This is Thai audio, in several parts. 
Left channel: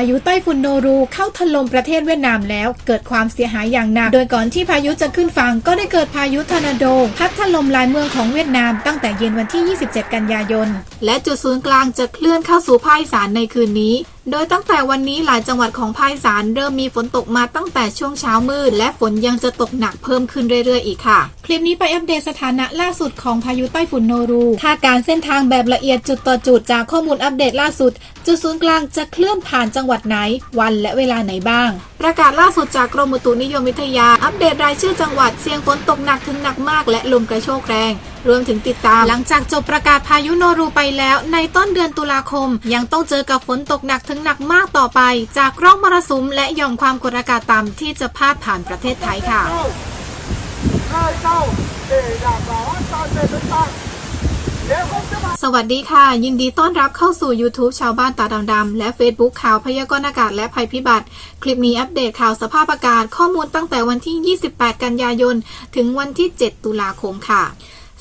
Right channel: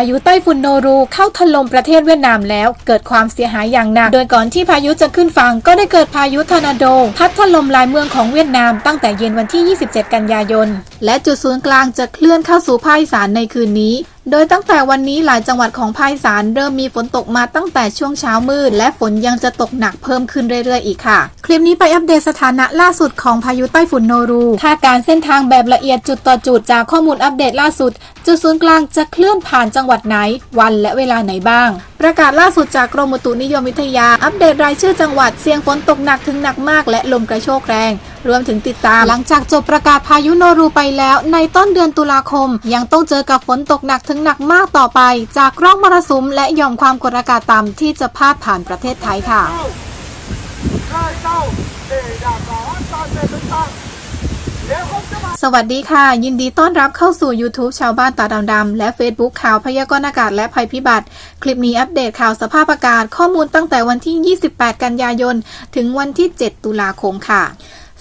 ายุไต้ฝุ่นโนรูเข้าถล่มประเทศเวียดนามแล้วเกิดความเสียหายอย่างหนักโดยก่อนที่พายุจะขึ้นฝั่งก็ได้เกิดพายุทอร์นาโดพัดถล่มหลายเมืองของเวียดนามตั้งแต่เย็นวันที่ 27 กันยายนและจุดศูนย์กลางจะเคลื่อนเข้าสู่ภาคอีสานในคืนนี้โดยตั้งแต่วันนี้หลายจังหวัดของภาคอีสานเริ่มมีฝนตกมาตั้งแต่ช่วงเช้ามืดและฝนยังจะตกหนักเพิ่มขึ้นเรื่อยๆอีกค่ะคลิปนี้ไปอัปเดตสถานะล่าสุดของพายุไต้ฝุ่นโนรูคาดการณ์เส้นทางแบบละเอียดจุดต่อจุดจากข้อมูลอัปเดตล่าสุดจุดศูนย์กลางจะเคลื่อนผ่านจังหวัดไหนวันและเวลาไหนบ้างประกาศล่าสุดจากกรมอุตุนิยมวิทยาอัปเดตรายชื่อจังหวัดเสี่ยงฝนตกหนักถึงหนักมากและลมกระโชกแรงรวมถึงติดตามหลังจากจบประกาศพายุโนรูไปแล้วในต้นเดือนตุลาคมยังต้องเจอกับฝนตกหนักถึงหนักมากต่อไปจากร่องมรสุมและหย่อมความกดอากาศต่ำที่จะพาดผ่านประเทศไทยค่ะสวัสดีค่ะยินดีต้อนรับเข้าสู่ YouTube ชาวบ้านตาดำๆและ Facebook ข่าวพยากรณ์อากาศและภัยพิบัติคลิปนี้อัปเดตข่าวสภาพอากาศข้อมูลตั้งแต่วันที่ 28 กันยายนถึงวันที่ 7 ตุลาคมค่ะ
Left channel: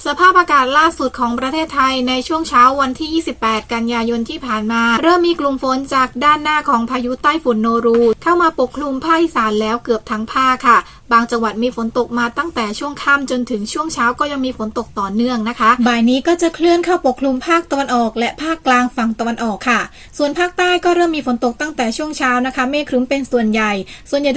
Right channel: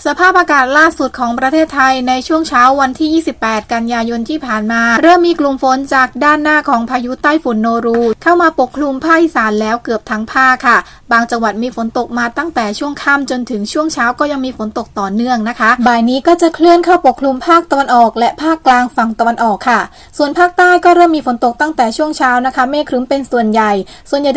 สภาพอากาศล่าสุดของประเทศไทยในช่วงเช้าวันที่ 28 กันยายนที่ผ่านมาเริ่มมีกลุ่มฝนจากด้านหน้าของพายุไต้ฝุ่นโนรูเข้ามาปกคลุมภาคอีสานแล้วเกือบทั้งภาคค่ะบางจังหวัดมีฝนตกมาตั้งแต่ช่วงค่ำจนถึงช่วงเช้าก็ยังมีฝนตกต่อเนื่องนะคะบ่ายนี้ก็จะเคลื่อนเข้าปกคลุมภาคตะวันออกและภาคกลางฝั่งตะวันออกค่ะส่วนภาคใต้ก็เริ่มมีฝนตกตั้งแต่ช่วงเช้านะคะเมฆครึ้มเป็นส่วนใหญ่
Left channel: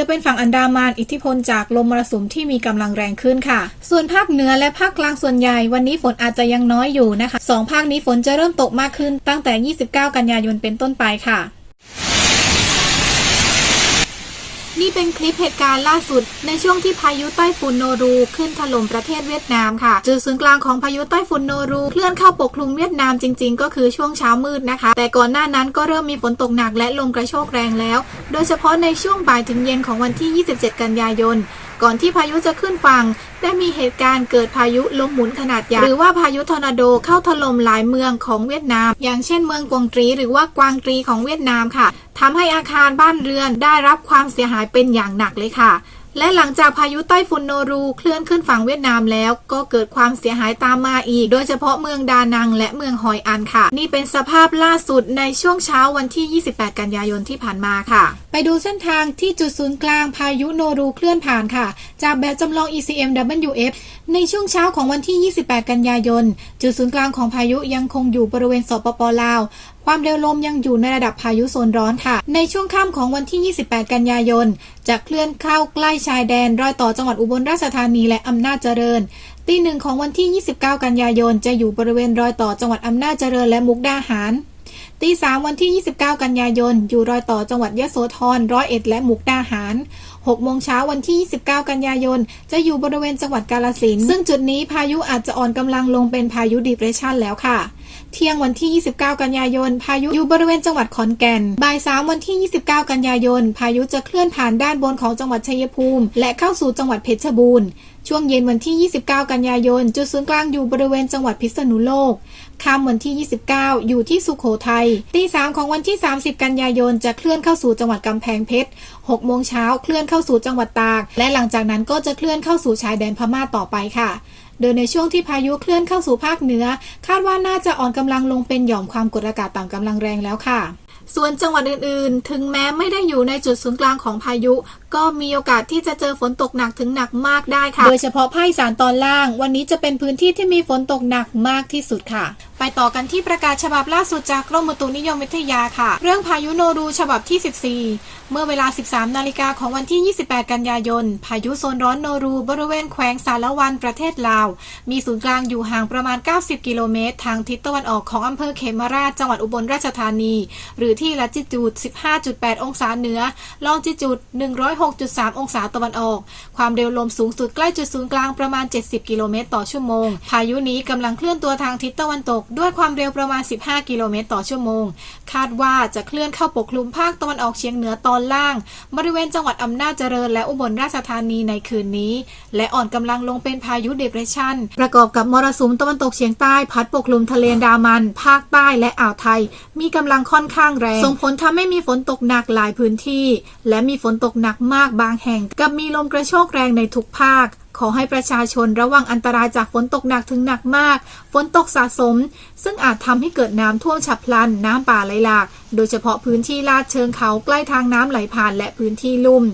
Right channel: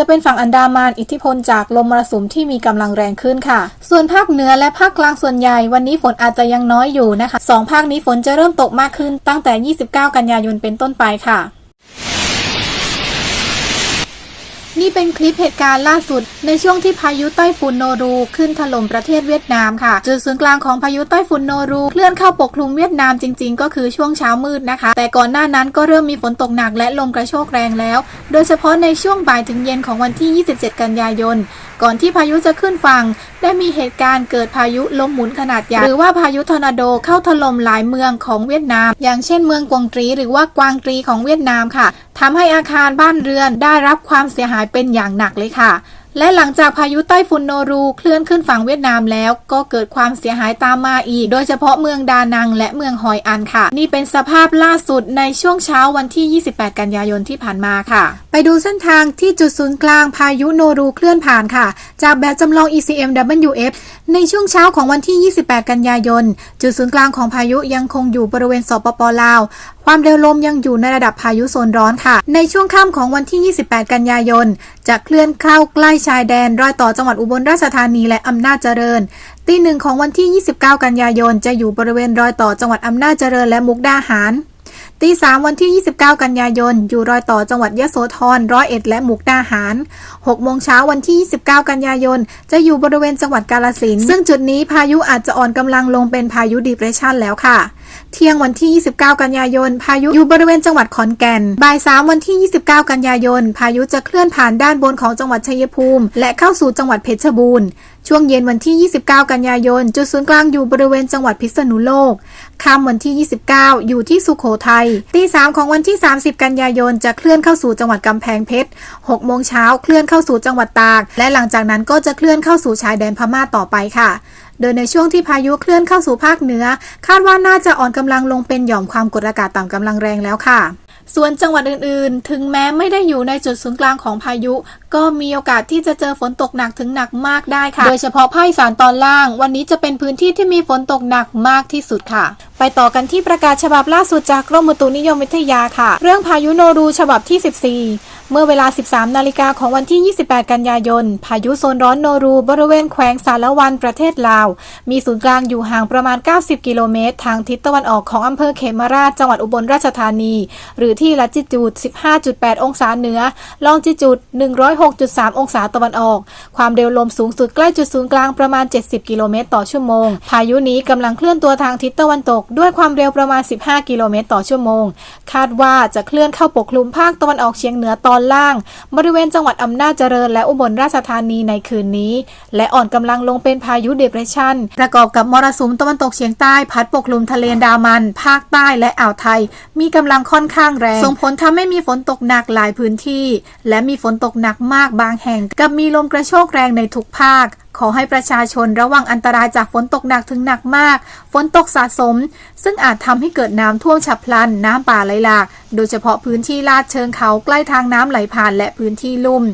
จะเป็นฝั่งอันดามันอิทธิพลจากลมมรสุมที่มีกำลังแรงขึ้นค่ะส่วนภาคเหนือและภาคกลางส่วนใหญ่วันนี้ฝนอาจจะยังน้อยอยู่นะคะ2ภาคนี้ฝนจะเริ่มตกมากขึ้นตั้งแต่ 29 กันยายนเป็นต้นไปค่ะนี่เป็นคลิปเหตุการณ์ล่าสุดในช่วงที่พายุไต้ฝุ่นโนรูขึ้นถล่มประเทศเวียดนามค่ะจุดศูนย์กลางของพายุไต้ฝุ่นโนรูเคลื่อนเข้าปกคลุมเวียดนามจริงๆก็คือช่วงเช้ามืดนะคะแต่ก่อนหน้านั้นก็เริ่มมีฝนตกหนักและลมกระโชกแรงแล้วโดยเฉพาะในช่วงบ่ายถึงเย็นของวันที่ 27 กันยายนก่อนที่พายุจะขึ้นฝั่งได้มีเหตุการณ์เกิดพายุลมหมุนขนาดใหญ่หรือว่าพายุทอร์นาโดเข้าถล่มหลายเมืองของเวียดนามอย่างเช่นเมืองกวงตรีหรือว่ากวางตรีของเวียดนามค่ะทำให้อาคารบ้านเรือนได้รับความเสียหายเป็นอย่างหนักเลยค่ะและหลังจากพายุไต้ฝุ่นโนรูเคลื่อนขึ้นฝั่งเวียดนามแล้วก็เกิดความเสียหายตามมาอีกโดยเฉพาะเมืองดานังและเมืองฮอยอันค่ะนี่เป็นสภาพล่าสุดในช่วงเช้าวันที่ 28 กันยายนที่ผ่านมาค่ะไปดูเส้นทางที่จุดศูนย์กลางพายุโนรูเคลื่อนผ่านค่ะจากแบบจำลอง ECMWF ในช่วงเช้าของวันที่ 28 กันยายนจุดศูนย์กลางของพายุยังคงอยู่บริเวณสปป.ลาวความเร็วลมยังอยู่ในระดับพายุโซนร้อนค่ะในช่วงค่ำของวันที่ 28 กันยายนจะเคลื่อนเข้าใกล้ชายแดนรอยต่อจังหวัดอุบลราชธานีและอำนาจเจริญตีหนึ่งของวันที่ 29 กันยายนจะอยู่บริเวณรอยต่อจังหวัดอำนาจเจริญและมุกดาหารตีสามวันที่ 29 กันยายนอยู่รอยต่อจังหวัดยโสธร101และมุกดาหาร6 โมงเช้าวันที่ 29 กันยายนจะอยู่บริเวณจังหวัดกาฬสินธุ์ซึ่งจุดนี้พายุอาจจะอ่อนกำลังลงเป็นพายุดีเพรสชันแล้วค่ะเที่ยงวันที่ 29 กันยายนพายุอยู่บริเวณจังหวัดขอนแก่นบ่าย 3 วันที่ 29 กันยายนพายุจะเคลื่อนผ่านด้านบนของจังหวัดชัยภูมิและเข้าสู่จังหวัดเพชรบูรณ์ช่วงเย็นวันที่ 29 กันยายนจุดศูนย์กลางอยู่บริเวณจังหวัดพิษณุโลกค่ำวันที่ 29 อยู่ที่สุโขทัยตี 3 ของวันที่ 30 กันยายนจะเคลื่อนเข้าสู่จังหวัดกำแพงเพชร 6 โมงเช้าเคลื่อนเข้าสู่จังหวัดตากและหลังจากนั้นก็จะเคลื่อนเข้าสู่ชายแดนพม่าต่อไปค่ะโดยในช่วงที่พายุเคลื่อนเข้าสู่ภาคเหนือคาดว่าน่าจะอ่อนกำลังลงเป็นหย่อมความกดอากาศต่ำกำลังแรงแล้วค่ะส่วนจังหวัดอื่นๆถึงแม้ไม่ได้อยู่ในจุดศูนย์กลางของพายุก็มีโอกาสที่จะเจอฝนตกหนักถึงหนักมากได้ค่ะโดยเฉพาะภาคอีสานตอนล่างวันนี้จะเป็นพื้นที่ที่มีฝนตกหนักมากที่สุดค่ะไปต่อกันที่ประกาศฉบับล่าสุดจากกรมอุตุนิยมวิทยาค่ะเรื่องพายุโนรูฉบับที่ 14เมื่อเวลา 13 นาฬิกาของวันที่ 28 กันยายนพายุโซนร้อนโนรูบริเวณแขวงสารวันประเทศลาวมีศูนย์กลางอยู่ห่างประมาณ 90 กิโลเมตรทางทิศตะวันออกของอำเภอเขมราชจังหวัดอุบลราชธานีหรือที่ลัติจูด 15.8 องศาเหนือลองจิจูด 106.3 องศาตะวันออกความเร็วลมสูงสุดใกล้จุดศูนย์กลางประมาณ 70 กิโลเมตรต่อชั่วโมงพายุนี้กำลังเคลื่อนตัวทางทิศตะวันตกด้วยความเร็วประมาณ 15 กิโลเมตรต่อชั่วโมงคาดว่าจะเคลื่อนเข้าปกคลุมภาคตะวันออกเฉียงเหนือตอนล่างบริเวณจังหวัดอำนาจเจริญและอุบลราชธานีในคืนนี้และอ่อนกำลังลงเป็นพายุเดเพรสชันประกอบกับมรสุมตะวันตกเฉียงใต้พัดปกคลุมทะเลอันดามันภาคใต้และอ่าวไทยมีกำลังค่อนข้างแรงส่งผลทำให้มีฝนตกหนักหลายพื้นที่และมีฝนตกหนักมากบางแห่งกับมีลมกระโชกแรงในทุกภาค ขอให้ประชาชนระวังอันตรายจากฝนตกหนักถึงหนักมากฝนตกสะสมซึ่งอาจทำให้เกิดน้ำท่วมฉับพลันน้ำป่าไหลหลากโดยเฉพาะพื้นที่ลาดเชิงเขาใกล้ทางน้ำไหลผ่านและพื้นที่ลุ่ม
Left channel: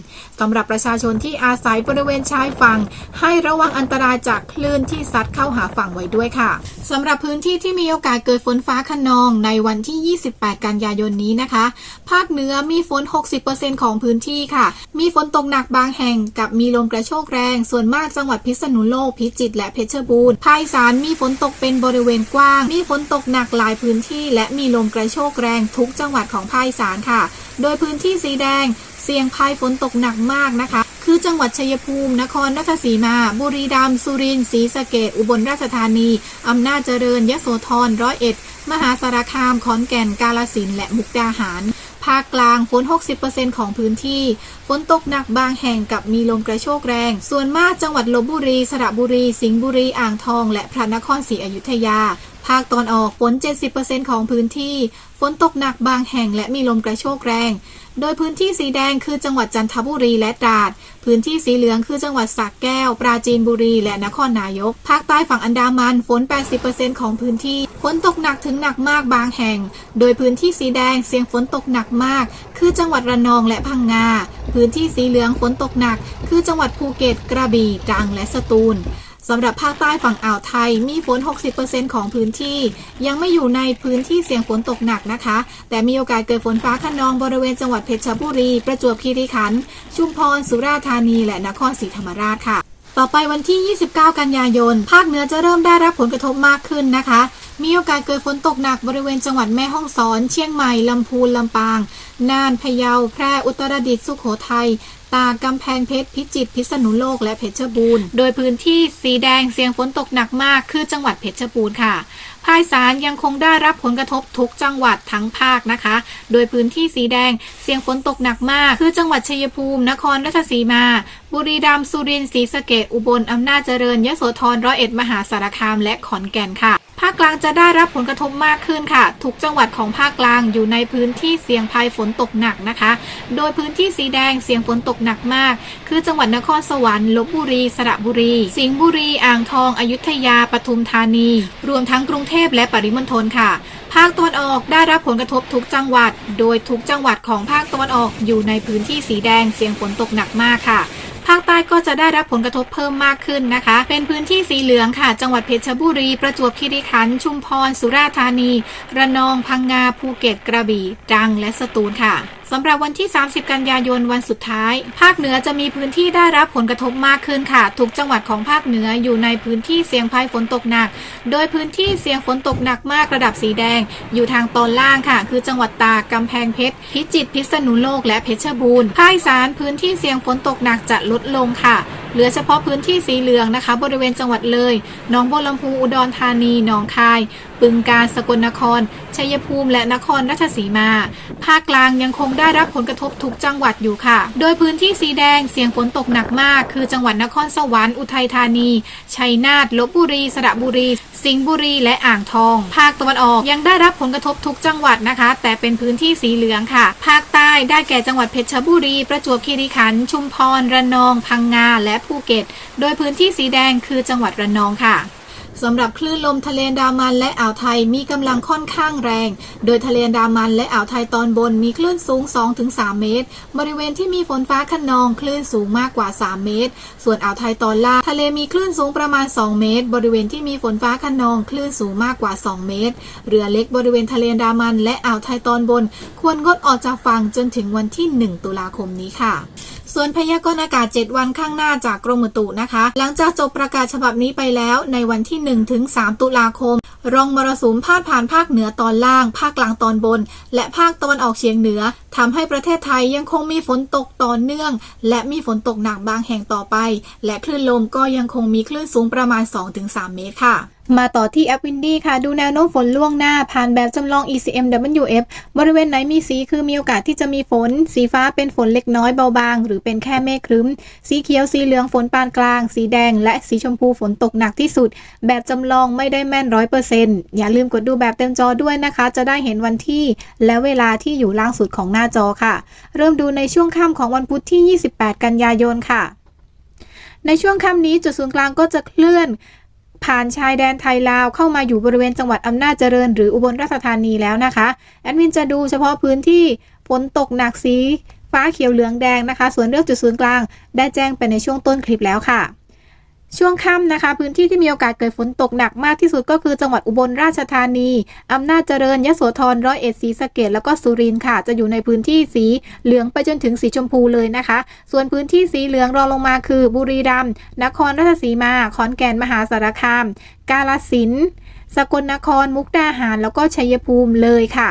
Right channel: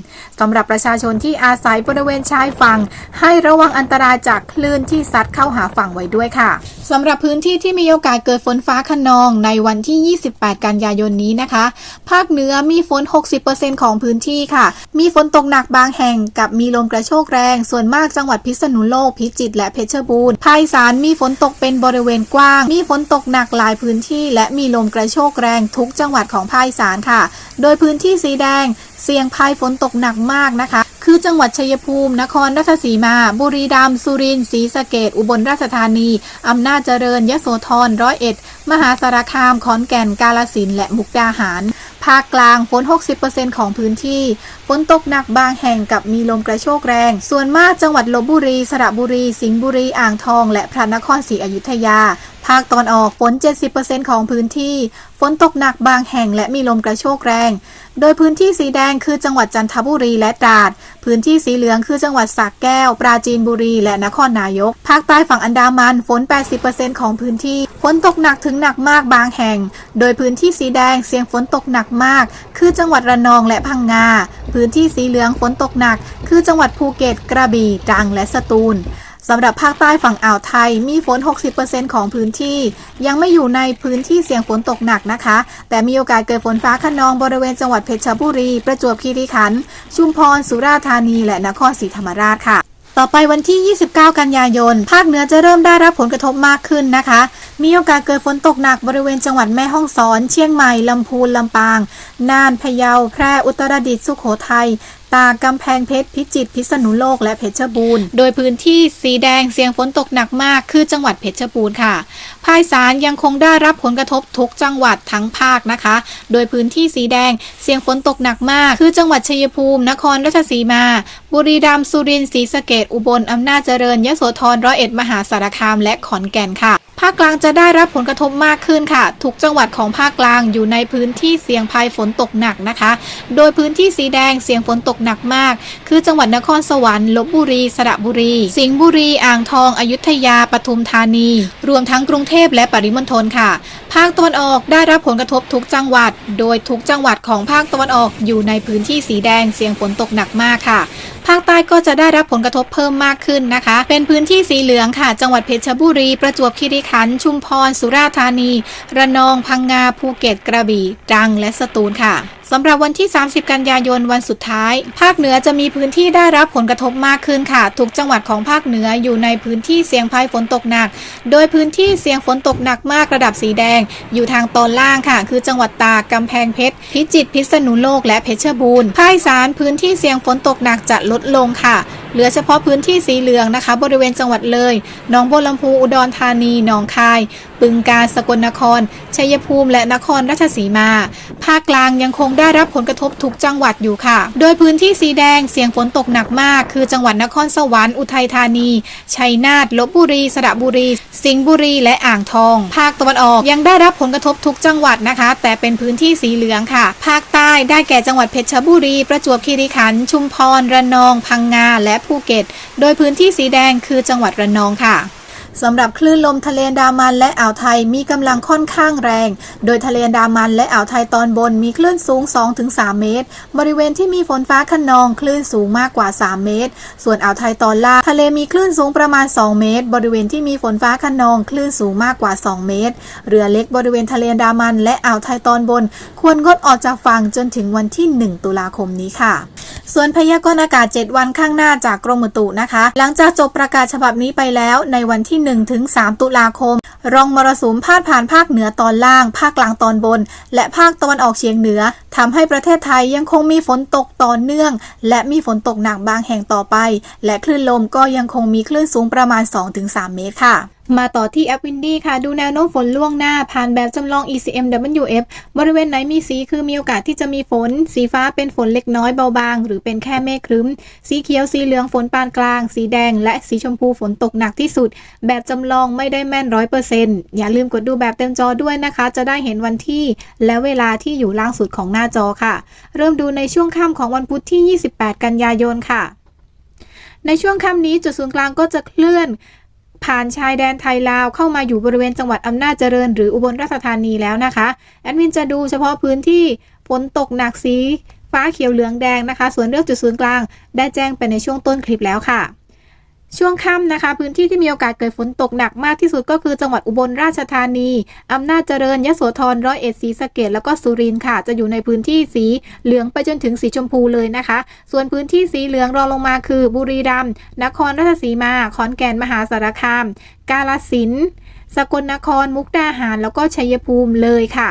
สำหรับประชาชนที่อาศัยบริเวณชายฝั่งให้ระวังอันตรายจากคลื่นที่ซัดเข้าหาฝั่งไว้ด้วยค่ะสำหรับพื้นที่ที่มีโอกาสเกิดฝนฟ้าคะนองในวันที่ 28 กันยายนนี้นะคะภาคเหนือมีฝน 60% ของพื้นที่ค่ะมีฝนตกหนักบางแห่งกับมีลมกระโชกแรงส่วนมากจังหวัดพิษณุโลกพิจิตรและเพชรบูรณ์ภาคอีสานมีฝนตกเป็นบริเวณกว้างมีฝนตกหนักหลายพื้นที่และมีลมกระโชกแรงทุกจังหวัดของภาคอีสานค่ะโดยพื้นที่สีแดงเสี่ยงภัยฝนตกหนักมากนะคะคือจังหวัดชัยภูมินครราชสีมาบุรีรัมย์สุรินทร์ศรีสะเกษอุบลราชธานีอำนาจเจริญยโสธรร้อยเอ็ดมหาสารคามขอนแก่นกาฬสินธุ์และมุกดาหารภาคกลางฝน 60% ของพื้นที่ฝนตกหนักบางแห่งกับมีลมกระโชกแรงส่วนมากจังหวัดลพบุรีสระบุรีสิงห์บุรีอ่างทองและพระนครศรีอยุธยาภาคตอนออกฝน 70% ของพื้นที่ฝนตกหนักบางแห่งและมีลมกระโชกแรงโดยพื้นที่สีแดงคือจังหวัดจันทบุรีและตราดพื้นที่สีเหลืองคือจังหวัดสระแก้วปราจีนบุรีและนครนายกภาคใต้ฝั่งอันดามันฝน 80% ของพื้นที่ฝนตกหนักถึงหนักมากบางแห่งโดยพื้นที่สีแดงเสี่ยงฝนตกหนักมากคือจังหวัดระนองและพังงาพื้นที่สีเหลืองฝนตกหนักคือจังหวัดภูเก็ตกระบี่ตรังและสตูลสำหรับภาคใต้ฝั่งอ่าวไทยมีฝน 60% ของพื้นที่ยังไม่อยู่ในพื้นที่เสี่ยงฝนตกหนักนะคะแต่มีโอกาสเกิดฝนฟ้าคะนองบริเวณจังหวัดเพชรบุรีประจวบคีรีขันธ์ชุมพรสุราษฎร์ธานีและนครศรีธรรมราชค่ะต่อไปวันที่ 29 กันยายนภาคเหนือจะเริ่มได้รับผลกระทบมากขึ้นนะคะมีโอกาสเกิดฝนตกหนักบริเวณจังหวัดแม่ฮ่องสอนเชียงใหม่ลำพูนลำปางน่านพะเยาแพร่อุตรดิตถ์สุโขทัยตากกำแพงเพชรพิจิตรพิษณุโลกและเพชรบูรณ์โดยพื้นที่สีแดงเสี่ยงฝนตกหนักมากคือจังหวัดเพชรบูรณ์ค่ะภาคอีสานยังคงได้รับผลกระทบทุกจังหวัดทั้งภาคนะคะโดยพื้นที่สีแดงเสี่ยงฝนตกหนักมากคือจังหวัดชัยภูมินครราชสีมาบุรีรัมย์สุรินทร์ศรีสะเกษอุบลอำนาจเจริญยโสธรร้อยเอ็ดมหาสารคามและขอนแก่นค่ะภาคกลางจะได้รับผลกระทบมากขึ้นค่ะทุกจังหวัดของภาคกลางอยู่ในพื้นที่เสี่ยงภัยฝนตกหนักนะคะโดยพื้นที่สีแดงเสี่ยงฝนตกหนักมากคือจังหวัดนครสวรรค์ลพบุรีสระบุรีสิงห์บุรีอ่างทองอยุธยาปทุมธานีรวมทั้งกรุงเทพและปริมณฑลค่ะภาคตะวันออกได้รับผลกระทบทุกจังหวัดโดยทุกจังหวัดของภาคตะวันออกอยู่ในพื้นที่สีแดงเสี่ยงฝนตกหนักมากค่ะภาคใต้ก็จะได้รับผลกระทบเพิ่มมากขึ้นนะคะเป็นพื้นที่สีเหลืองค่ะจังหวัดเพชรบุรีประจวบคีรีขันธ์ชุมพรสุราษฎร์ธานีระนองพังงาภูเก็ตกระบี่ตรังและสตูลค่ะสำหรับวันที่ 30 กันยายนวันสุดท้ายภาคเหนือจะมีพื้นที่ได้รับผลกระทบมากขึ้นค่ะทุกจังหวัดของภาคเหนืออยู่ในพื้นที่เสี่ยงภัยฝนตกหนักโดยพื้นที่เสี่ยงฝนตกหนักมากระดับสีแดงอยู่ทางตอนล่างค่ะคือจังหวัดตากกำแพงเพชรพิจิตรพิษณุโลกและเพชรบูรณ์ภาคอีสานพื้นที่เสี่ยงฝนตกหนักจะลดลงค่ะเหลือเฉพาะพื้นที่สีเหลืองนะคะบริเวณจังหวัดเลยหนองบัวลำพูอุดรธานีหนองคายบึงกาฬสกลนครชัยภูมิและนครราชสีมาภาคกลางยังคงได้รับผลกระทบทุกจังหวัดอยู่ค่ะโดยพื้นที่สีแดงเสี่ยงฝนตกหนักมากคือจังหวัดนครสวรรค์อุทัยธานีชัยนาทลพบุรีสระบุรีสิงห์บุรีและอ่างทองภาคตะวันออกยังได้รับผลกระทบทุกจังหวัดนะคะแต่เป็นพื้นที่สีเหลืองค่ะภาคใต้ได้แก่จังหวัดเพชรบุรีประจวบคีรีขันธ์ชุมพรระนองพังงาและภูเก็ตโดยพื้นที่สีแดงคือจังหวัดระนองค่ะสำหรับคลื่นลมทะเลอันดามันและอ่าวไทยมีกำลังค่อนข้างแรงโดยทะเลอันดามันและอ่าวไทยตอนบนมีคลื่นสูง 2-3 เมตรบริเวณที่มีฝนฟ้าคะนองคลื่นสูงมากกว่า 3 เมตรส่วนอ่าวไทยตอนล่างทะเลมีคลื่นสูงประมาณ 2 เมตรบริเวณที่มีฝนฟ้าคะนองคลื่นสูงมากกว่า 2 เมตรเรือเล็กบริเวณทะเลอันดามันและอ่าวไทยตอนบนควรงดออกจากฝั่งจนถึงวันที่ 1 ตุลาคมนี้ค่ะส่วนพยากรณ์อากาศ 7 วันข้างหน้าจากกรมอุตุนะคะหลังจากจบประกาศฉบับนี้ไปแล้วในวันที่ 1-3 ตุลาคมร่องมรสุมพาดผ่านภาคเหนือตอนล่างภาคกลางตอนบนและภาคตะวันออกเฉียงเหนือทำให้ประเทศไทยยังคงมีฝนตกต่อเนื่องและมีฝนตกหนักบางแห่งต่อไปและคลื่นลมก็ยังคงมีคลื่นสูงประมาณ 2-3 เมตรค่ะมาต่อที่แอปวินดี้ค่ะดูแนวโน้มฝนล่วงหน้าผ่านแบบจำลอง ECMWF บริเวณไหนมีสีคือมีโอกาสที่จะมีฝนสีฟ้าเป็นฝนเล็กน้อยเบาบางหรือเป็นแค่เมฆครึ้มสีเขียวสีเหลืองฝนปานกลางสีแดงและสีชมพูฝนตกหนักที่สุดแบบจำลองไม่ได้แม่น 100% อย่าลืมกดดูแบบเต็มจอด้วยนะคะจะได้เห็นวันที่และเวลาที่อยู่ล่างสุดของหน้าจอค่ะเริ่มดูในช่วงค่ำของวันพุธที่ 28 กันยายนค่ะ ในช่วงค่ำนี้จุดศูนย์กลางก็จะเคลื่อนผ่านชายแดนไทยลาวเข้ามาอยู่บริเวณจังหวัดอำนาจเจริญหรืออุบลราชธานีแล้วนะคะแอดมินจะดูเฉพาะพื้นที่ฝนตกหนักสีฟ้าเขียวเหลืองแดงนะคะส่วนเรื่องจุดศูนย์กลางได้แจ้งไปในช่วงต้นคลิปแล้วค่ะช่วงค่ำนะคะพื้นที่ที่มีโอกาสเกิดฝนตกหนักมากที่สุดก็คือจังหวัดอุบลราชธานีอำนาจเจริญยโสธรร้อยเอ็ดศรีสะเกษแล้วก็สุรินทร์ค่ะจะอยู่ในพื้นที่สีเหลืองไปจนถึงสีชมพูเลยนะคะส่วนพื้นที่สีเหลืองรองลงมาคือบุรีรัมย์นครราชสีมาขอนแก่นมหาสารคามกาฬสินธุ์สกลนครมุกดาหารแล้วก็ชัยภูมิเลยค่ะ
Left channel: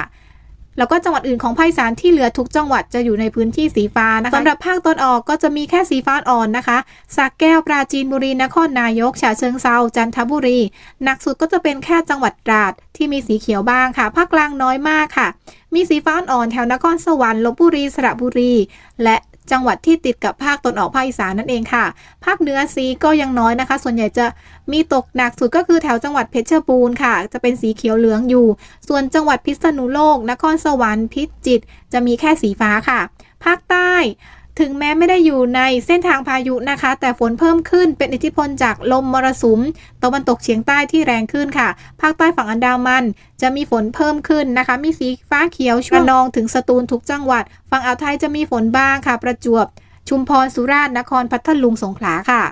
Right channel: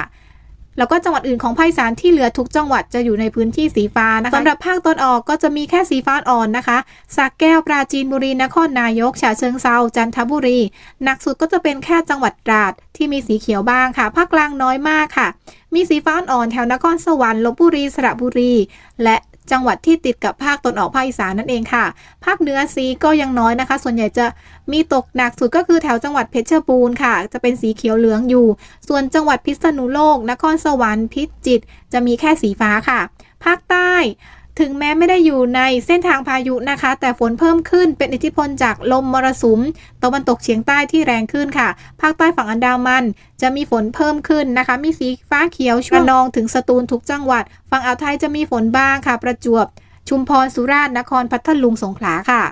แล้วก็จังหวัดอื่นของภาคอีสานที่เหลือทุกจังหวัดจะอยู่ในพื้นที่สีฟ้านะคะสำหรับภาคตะวันออกก็จะมีแค่สีฟ้าอ่อนนะคะสระแก้วปราจีนบุรีนครนายกฉะเชิงเทราจันทบุรีหนักสุดก็จะเป็นแค่จังหวัดตราดที่มีสีเขียวบ้างค่ะภาคกลางน้อยมากค่ะมีสีฟ้าอ่อนแถวนครสวรรค์ลพบุรีสระบุรีและจังหวัดที่ติดกับภาคตะวันออกภาคอีสานนั่นเองค่ะภาคเหนือสีก็ยังน้อยนะคะส่วนใหญ่จะมีตกหนักสุดก็คือแถวจังหวัดเพชรบูรณ์ค่ะจะเป็นสีเขียวเหลืองอยู่ส่วนจังหวัดพิษณุโลกนครสวรรค์พิจิตรจะมีแค่สีฟ้าค่ะภาคใต้ถึงแม้ไม่ได้อยู่ในเส้นทางพายุนะคะแต่ฝนเพิ่มขึ้นเป็นอิทธิพลจากลมมรสุมตะวันตกเฉียงใต้ที่แรงขึ้นค่ะภาคใต้ฝั่งอันดามันจะมีฝนเพิ่มขึ้นนะคะมีสีฟ้าเขียวช่วงระนองถึงสตูลทุกจังหวัดฝั่งอ่าวไทยจะมีฝนบ้างค่ะประจวบชุมพรสุราษฎร์นครพัทลุงสงขลาค่ะ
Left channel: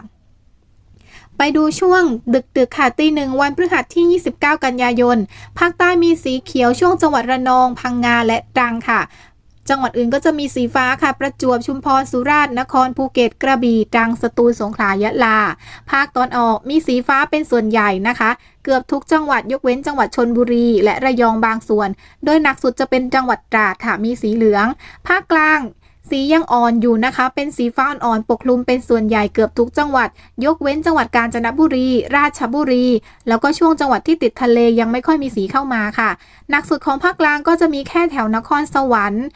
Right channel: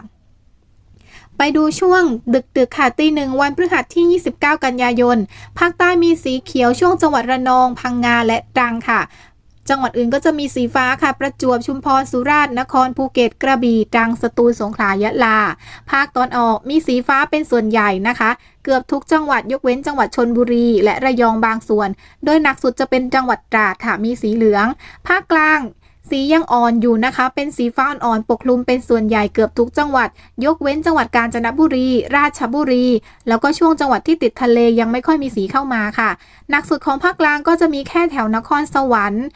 ไปดูช่วงดึกค่ะตีหนึ่งวันพฤหัสที่29กันยายนภาคใต้มีสีเขียวช่วงจังหวัดระนองพังงาและตรังค่ะจังหวัดอื่นก็จะมีสีฟ้าค่ะประจวบชุมพรสุราษฎร์นครภูเก็ตกระบี่ตรังสตูลสงขลายะลาภาคตอนออกมีสีฟ้าเป็นส่วนใหญ่นะคะเกือบทุกจังหวัดยกเว้นจังหวัดชลบุรีและระยองบางส่วนโดยหนักสุดจะเป็นจังหวัดตราดค่ะมีสีเหลืองภาคกลางสียังอ่อนอยู่นะคะเป็นสีฟ้าอ่อนปกคลุมเป็นส่วนใหญ่เกือบทุกจังหวัดยกเว้นจังหวัดกาญจนบุรีราชบุรีแล้วก็ช่วงจังหวัดที่ติดทะเลยังไม่ค่อยมีสีเข้ามาค่ะหนักสุดของภาคกลางก็จะมีแค่แถวนครสวรรค์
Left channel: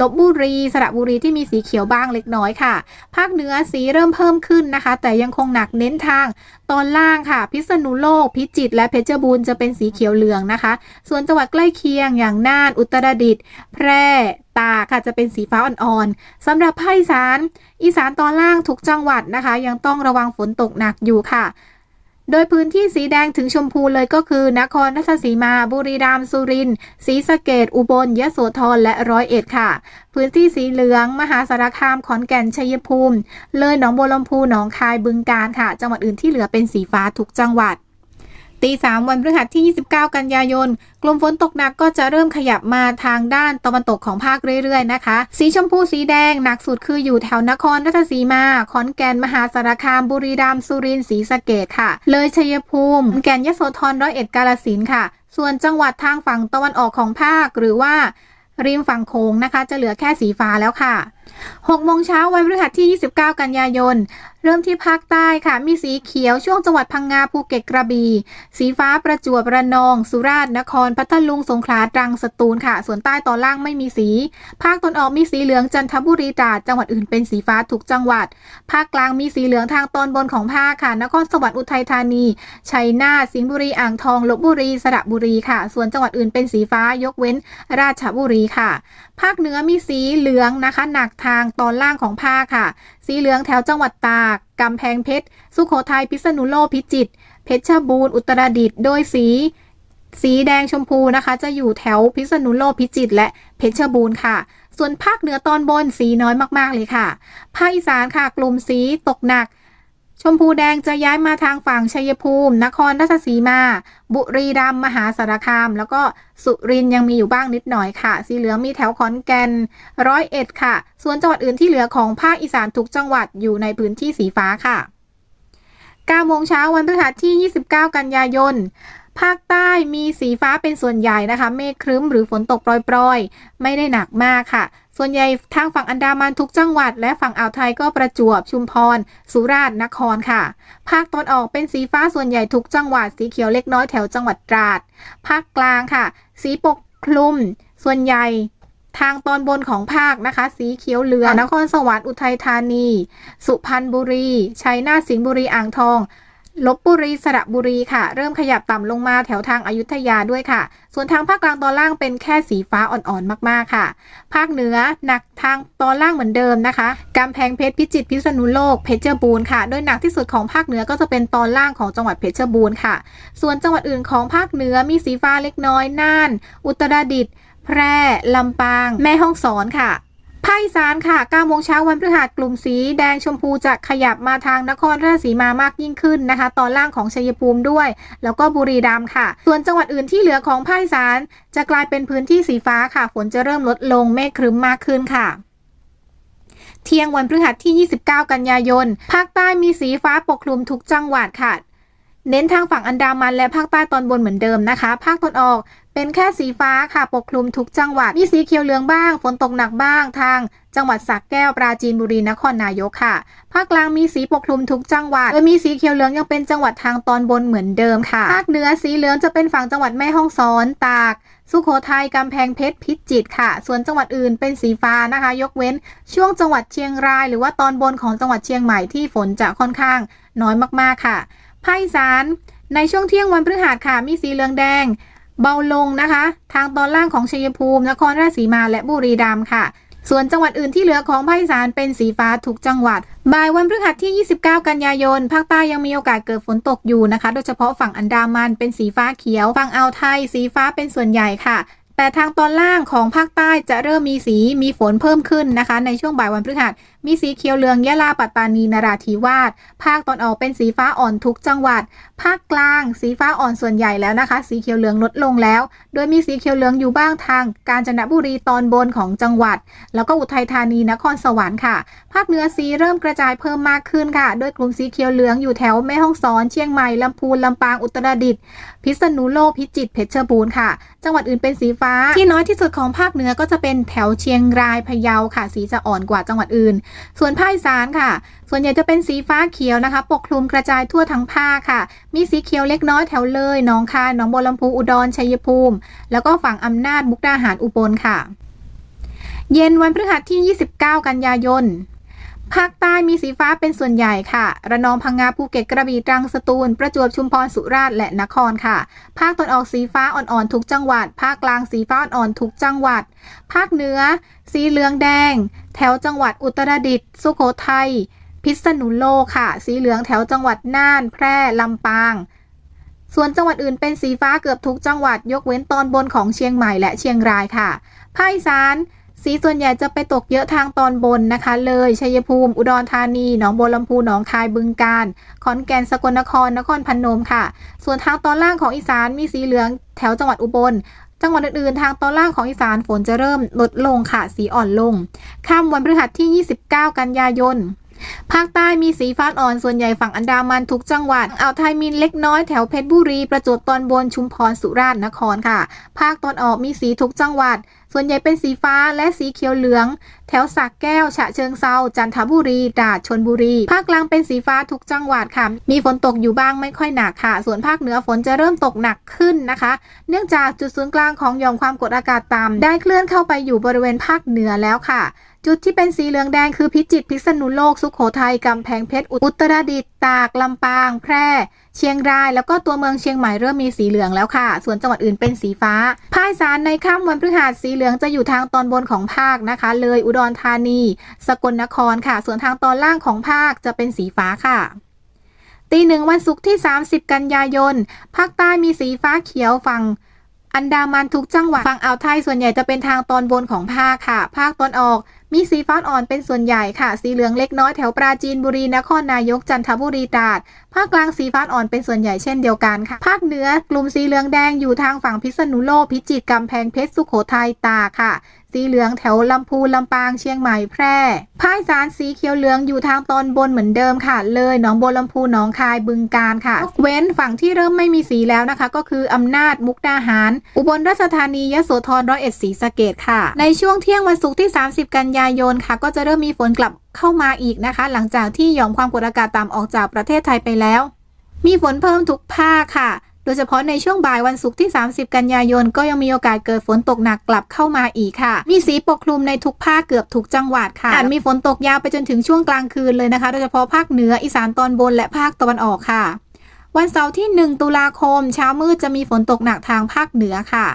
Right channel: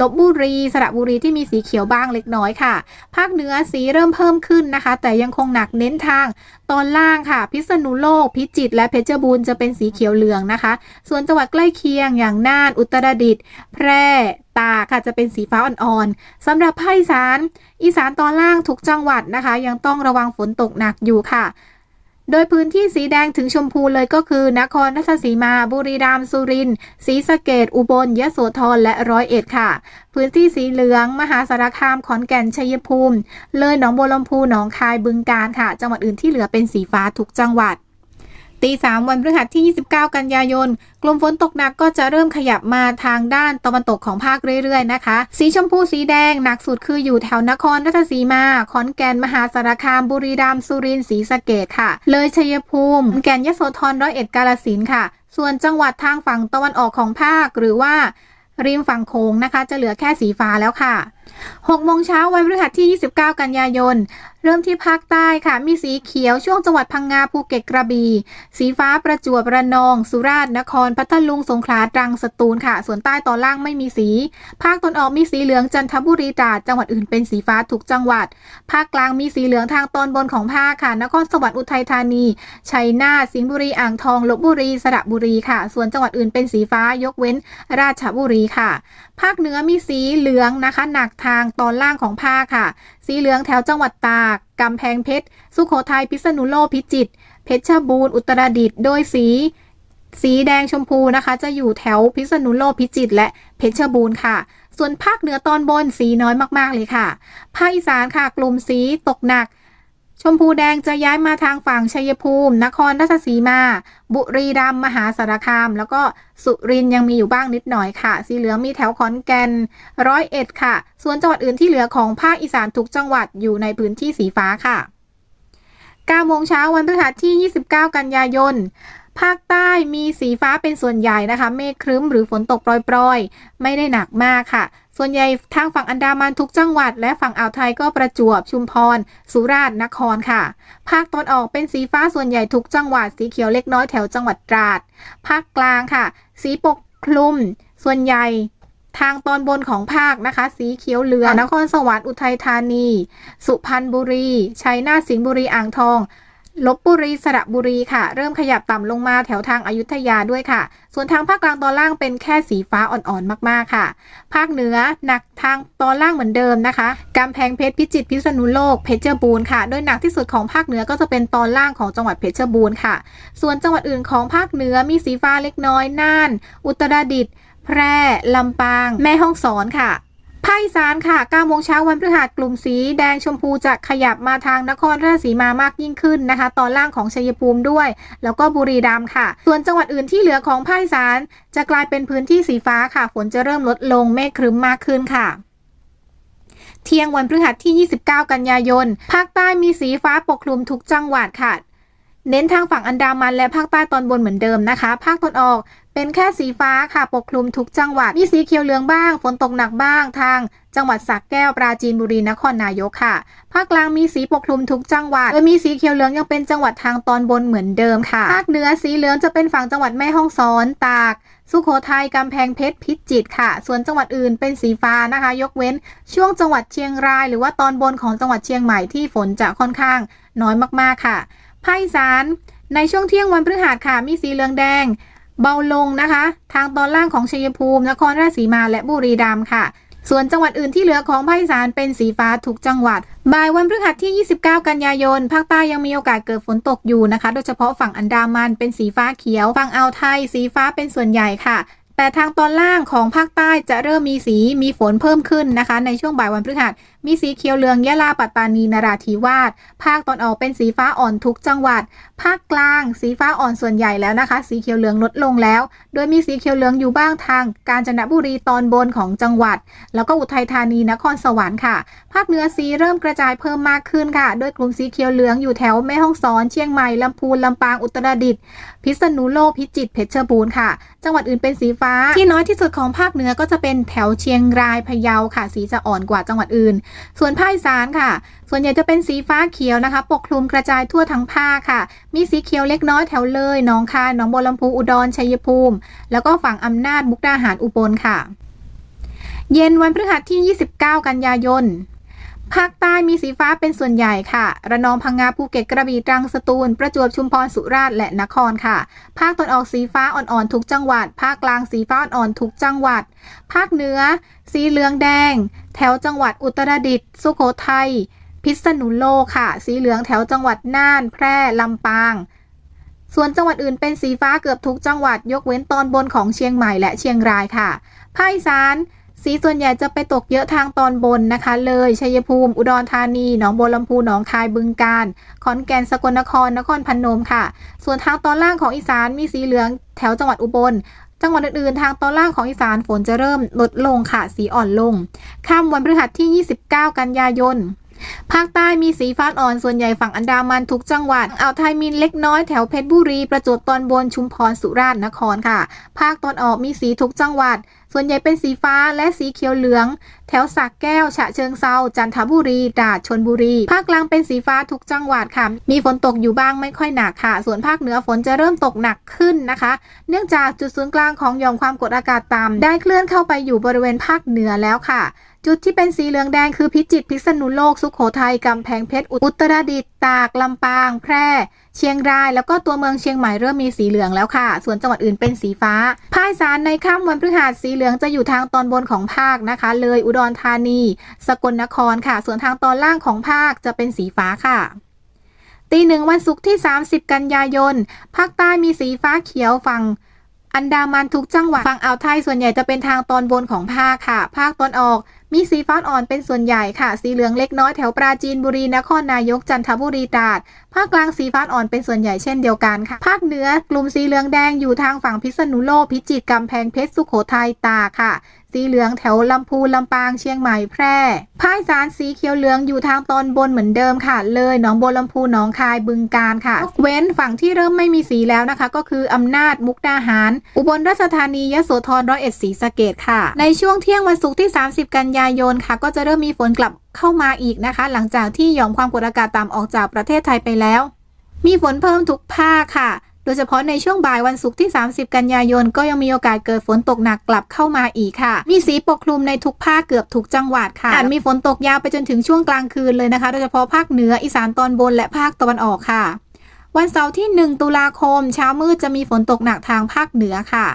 ลพบุรีสระบุรีที่มีสีเขียวบ้างเล็กน้อยค่ะภาคเหนือสีเริ่มเพิ่มขึ้นนะคะแต่ยังคงหนักเน้นทางตอนล่างค่ะพิษณุโลกพิจิตรและเพชรบูรณ์จะเป็นสีเขียวเหลืองนะคะส่วนจังหวัดใกล้เคียงอย่างน่านอุตรดิตถ์แพร่ตากค่ะจะเป็นสีฟ้าอ่อนๆสำหรับภาคอีสานตอนล่างทุกจังหวัดนะคะยังต้องระวังฝนตกหนักอยู่ค่ะโดยพื้นที่สีแดงถึงชมพูเลยก็คือนครราชสีมาบุรีรัมย์สุรินทร์ศรีสะเกษอุบลยโสธรและร้อยเอ็ดค่ะพื้นที่สีเหลืองมหาสารคามขอนแก่นชัยภูมิเลยหนองบัวลำพูหนองคายบึงกาฬค่ะจังหวัดอื่นที่เหลือเป็นสีฟ้าทุกจังหวัดตีสามวันพฤหัสที่29กันยายนกลุ่มฝนตกหนักก็จะเริ่มขยับมาทางด้านตะวันตกของภาคเรื่อยๆนะคะสีชมพูสีแดงหนักสุดคืออยู่แถวนครราชสีมาขอนแก่นมหาสารคามบุรีรัมย์สุรินทร์ศรีสะเกษค่ะเลยชัยภูมิแก่นยโสธรร้อยเอ็ดกาฬสินธุ์ค่ะส่วนจังหวัดทางฝั่งตะวันออกของภาคหรือว่าริมฝั่งโขงนะคะจะเหลือแค่สีฟ้าแล้วค่ะ6 โมงเช้าวันพฤหัสที่29กันยายนเริ่มที่ภาคใต้ค่ะมีสีเขียวช่วงจังหวัดพังงาภูเก็ตกระบี่สีฟ้าประจวบระนองสุราษฎร์นครพัทลุงสงขลาตรังสตูลค่ะส่วนใต้ตอนล่างไม่มีสีภาคตอนออกมีสีเหลืองจันทบุรีตราดจังหวัดอื่นเป็นสีฟ้าทุกจังหวัดภาคกลางมีสีเหลืองทางตอนบนของภาคค่ะนครสวรรค์อุทัยธานีชัยนาทสิงห์บุรีอ่างทองลพบุรีสระบุรีค่ะส่วนจังหวัดอื่นเป็นสีฟ้ายกเว้นราชบุรีค่ะภาคเหนือมีสีเหลืองนะคะหนักทางตอนล่างของภาคค่ะสีเหลืองแถวจังหวัดตากกำแพงเพชรสุโขทัยพิษณุโลกพิจิตรเพชรบูรณ์อุตรดิตถ์โดยสีแดงชมพูนะคะจะอยู่แถวพิษณุโลกพิจิตรและเพชรบูรณ์ค่ะส่วนภาคเหนือตอนบนสีน้อยมากๆเลยค่ะภาคอีสานค่ะกลุ่มสีตกหนักชมพูแดงจะย้ายมาทางฝั่งชัยภูมินครราชสีมาบุรีรัมย์มหาสารคามแล้วก็สุรินทร์ยังมีอยู่บ้างนิดหน่อยค่ะสีเหลืองมีแถวขอนแก่นร้อยเอ็ดค่ะส่วนจังหวัดอื่นที่เหลือของภาคอีสานทุกจังหวัดอยู่ในพื้นที่สีฟ้าค่ะ9 โมงเช้าวันพฤหัสที่29กันยายนภาคใต้มีสีฟ้าเป็นส่วนใหญ่นะคะเมฆครึ้มหรือฝนตกปรอยๆไม่ได้หนักมากค่ะส่วนใหญ่ทางฝั่งอันดามันทุกจังหวัดและฝั่งอ่าวไทยก็ประจวบชุมพรสุราษฎร์นครค่ะภาคตอนออกเป็นสีฟ้าส่วนใหญ่ทุกจังหวัดสีเขียวเล็กน้อยแถวจังหวัดตราดภาคกลางค่ะสีปกคลุมส่วนใหญ่ทางตอนบนของภาคนะคะสีเขียวเหลืองนครสวรรค์อุทัยธานีสุพรรณบุรีชัยนาทสิงห์บุรีอ่างทอง ลพบุรีสระบุรีค่ะเริ่มขยับต่ำลงมาแถวทางอยุธยาด้วยค่ะส่วนทางภาคกลางตอนล่างเป็นแค่สีฟ้าอ่อนๆมากๆค่ะภาคเหนือหนักทางตอนล่างเหมือนเดิมนะคะกำแพงเพชรพิจิตรพิษณุโลกเพชรบูรณ์ค่ะโดยหนักที่สุดของภาคเหนือก็จะเป็นตอนล่างของจังหวัดเพชรบูรณ์ค่ะส่วนจังหวัดอื่นของภาคเหนือมีสีฟ้าเล็กน้อยน่านอุตรดิตถ์แพร่ลำปางแม่ฮ่องสอนค่ะภาคอีสานค่ะ9 โมงเช้าวันพฤหัสกลุ่มสีแดงชมพูจะขยับมาทางนครราชสีมามากยิ่งขึ้นนะคะตอนล่างของชัยภูมิด้วยแล้วก็บุรีรัมย์ค่ะส่วนจังหวัดอื่นที่เหลือของภาคอีสานจะกลายเป็นพื้นที่สีฟ้าค่ะฝนจะเริ่มลดลงเมฆครึ้มมากขึ้นค่ะเที่ยงวันพฤหัสที่29 กันยายนภาคใต้มีสีฟ้าปกคลุมทุกจังหวัดค่ะเน้นทางฝั่งอันดามันและภาคใต้ตอนบนเหมือนเดิมนะคะภาคตะวันออกเป็นแค่สีฟ้าค่ะปกคลุมทุกจังหวัดมีสีเขียวเหลืองบ้างฝนตกหนักบ้างทางจังหวัดสระแก้วปราจีนบุรีนครนายกค่ะภาคกลางมีสีปกคลุมทุกจังหวัดโดยมีสีเขียวเหลืองยังเป็นจังหวัดทางตอนบนเหมือนเดิมค่ะภาคเหนือสีเหลืองจะเป็นฝั่งจังหวัดแม่ฮ่องสอนตากสุโขทัยกำแพงเพชรพิจิตรค่ะส่วนจังหวัดอื่นเป็นสีฟ้านะคะยกเว้นช่วงจังหวัดเชียงรายหรือว่าตอนบนของจังหวัดเชียงใหม่ที่ฝนจะค่อนข้างน้อยมากๆค่ะภาคอีสานในช่วงเที่ยงวันพฤหัสค่ะมีสีเหลืองแดงเบาลงนะคะทางตอนล่างของชัยภูมินครราชสีมาและบุรีรัมย์ค่ะส่วนจังหวัดอื่นที่เหลือของภาคอีสานเป็นสีฟ้าทุกจังหวัดบ่ายวันพฤหัสที่29 กันยายนภาคใต้ยังมีโอกาสเกิดฝนตกอยู่นะคะโดยเฉพาะฝั่งอันดามันเป็นสีฟ้าเขียวฝั่งอ่าวไทยสีฟ้าเป็นส่วนใหญ่ค่ะแต่ทางตอนล่างของภาคใต้จะเริ่มมีฝนเพิ่มขึ้นนะคะในช่วงบ่ายวันพฤหัสมีสีเขียวเหลืองยะลาปัตตานีนราธิวาสภาคตอนออกเป็นสีฟ้าอ่อนทุกจังหวัดภาคกลางสีฟ้าอ่อนส่วนใหญ่แล้วนะคะสีเขียวเหลืองลดลงแล้วโดยมีสีเขียวเหลืองอยู่บ้างทางกาญจนบุรีตอนบนของจังหวัดแล้วก็อุทัยธานีนครสวรรค์ค่ะภาคเหนือสีเริ่มกระจายเพิ่มมากขึ้นค่ะโดยกลุ่มสีเขียวเหลืองอยู่แถวแม่ฮ่องสอนเชียงใหม่ลำพูนลำปางอุตรดิตถ์พิษณุโลกพิจิตรเพชรบูรณ์ค่ะจังหวัดอื่นเป็นสีฟ้าที่น้อยที่สุดของภาคเหนือก็จะเป็นแถวเชียงรายพะเยาค่ะสีจะอ่อนกว่าจังหวัดอื่นส่วนภาคอีสานค่ะส่วนใหญ่จะเป็นสีฟ้าเขียวนะคะปกคลุมกระจายทั่วทั้งภาคค่ะมีสีเขียวเล็กน้อยแถวเลยหนองคายหนองบัวลำพูอุดรชัยภูมิแล้วก็ฝั่งอำนาจมุกดาหารอุบลค่ะเย็นวันพฤหัสที่29 กันยายนภาคใต้มีสีฟ้าเป็นส่วนใหญ่ค่ะระนองพังงาภูเก็ตกระบี่ตรังสตูลประจวบชุมพรสุราษฎร์และนครค่ะภาคตะวันออกสีฟ้าอ่อนๆทุกจังหวัดภาคกลางสีฟ้าอ่อนๆทุกจังหวัดภาคเหนือสีเหลืองแดงแถวจังหวัดอุตรดิตถ์สุโขทัยพิษณุโลกค่ะสีเหลืองแถวจังหวัดน่านแพร่ลำปางส่วนจังหวัดอื่นเป็นสีฟ้าเกือบทุกจังหวัดยกเว้นตอนบนของเชียงใหม่และเชียงรายค่ะภาคอีสานสีส่วนใหญ่จะไปตกเยอะทางตอนบนนะคะเลยชัยภูมิอุดรธานีหนองบัวลำพูหนองคายบึงกาฬขอนแก่นสกลนครนครพนมค่ะส่วนทางตอนล่างของอีสานมีสีเหลืองแถวจังหวัดอุบลจังหวัดอื่นๆทางตอนล่างของอีสานฝนจะเริ่มลดลงค่ะสีอ่อนลงค่ำวันพฤหัสที่29 กันยายนภาคใต้มีสีฟ้าอ่อนส่วนใหญ่ฝั่งอันดามันทุกจังหวัดอ่าวไทยมีเล็กน้อยแถวเพชรบุรีประจวบตอนบนชุมพรสุราษฎร์นครค่ะภาคตอนออกมีสีทุกจังหวัดส่วนใหญ่เป็นสีฟ้าและสีเขียวเหลืองแถวสระแก้วฉะเชิงเทราจันทบุรีตราดชลบุรีภาคกลางเป็นสีฟ้าทุกจังหวัดค่ะมีฝนตกอยู่บ้างไม่ค่อยหนักค่ะส่วนภาคเหนือฝนจะเริ่มตกหนักขึ้นนะคะเนื่องจากจุดศูนย์กลางของหย่อมความกดอากาศต่ำได้เคลื่อนเข้าไปอยู่บริเวณภาคเหนือแล้วค่ะจุดที่เป็นสีเหลืองแดงคือพิจิตรพิษณุโลกสุโขทัยกำแพงเพชรอุตรดิตถ์ตากลำปางแพร่เชียงรายแล้วก็ตัวเมืองเชียงใหม่เริ่มมีสีเหลืองแล้วค่ะส่วนจังหวัดอื่นเป็นสีฟ้าภาคอีสานในค่ำวันพฤหัสสีเหลืองจะอยู่ทางตอนบนของภาคนะคะเลยอุดรธานีสกลนครค่ะส่วนทางตอนล่างของภาคจะเป็นสีฟ้าค่ะตีหนึ่งวันศุกร์ที่30 กันยายนภาคใต้มีสีฟ้าเขียวฝั่งอันดามันทุกจังหวัดฝั่งอ่าวไทยส่วนใหญ่จะเป็นทางตอนบนของภาคค่ะภาคตอนออกมีสีฟ้าอ่อนเป็นส่วนใหญ่ค่ะสีเหลืองเล็กน้อยแถวปราจีนบุรีนครนายกจันทบุรีตราดภาคกลางสีฟ้าอ่อนเป็นส่วนใหญ่เช่นเดียวกันค่ะภาคเหนือกลุ่มสีเหลืองแดงอยู่ทางฝั่งพิษณุโลกพิจิตรกำแพงเพชรสุโขทัยตากค่ะสีเหลืองแถวลำพูนลำปางเชียงใหม่แพร่ภาคอีสานสีเขียวเหลืองอยู่ทางตอนบนเหมือนเดิมค่ะเลยหนองบัวลำพูหนองคายบึงกาฬค่ะเว้นฝั่งที่เริ่มไม่มีสีแล้วนะคะก็คืออำนาจมุกดาหารอุบลราชธานียโสธรร้อยเอ็ดศรีสะเกษค่ะในช่วงเที่ยงวันศุกร์ที่30 กันยายนค่ะก็จะเริ่มมีฝนกลับเข้ามาอีกนะคะหลังจากที่หย่อมความกดอากาศต่ำออกจากประเทศไทยไปแล้วมีฝนเพิ่มทุกภาคค่ะโดยเฉพาะในช่วงบ่ายวันศุกร์ที่30 กันยายนก็ยังมีโอกาสเกิดฝนตกหนักกลับเข้ามาอีกค่ะมีสีปกคลุมในทุกภาคเกือบทุกจังหวัดค่ะอาจมีฝนตกยาวไปจนถึงช่วงกลางคืนเลยนะคะโดยเฉพาะภาคเหนืออีสานตอนบนและภาคตะวันออกค่ะ วันเสาร์ที่1ตุลาคมเช้ามืดจะมีฝนตกหนักทางภาคเหนือค่ะ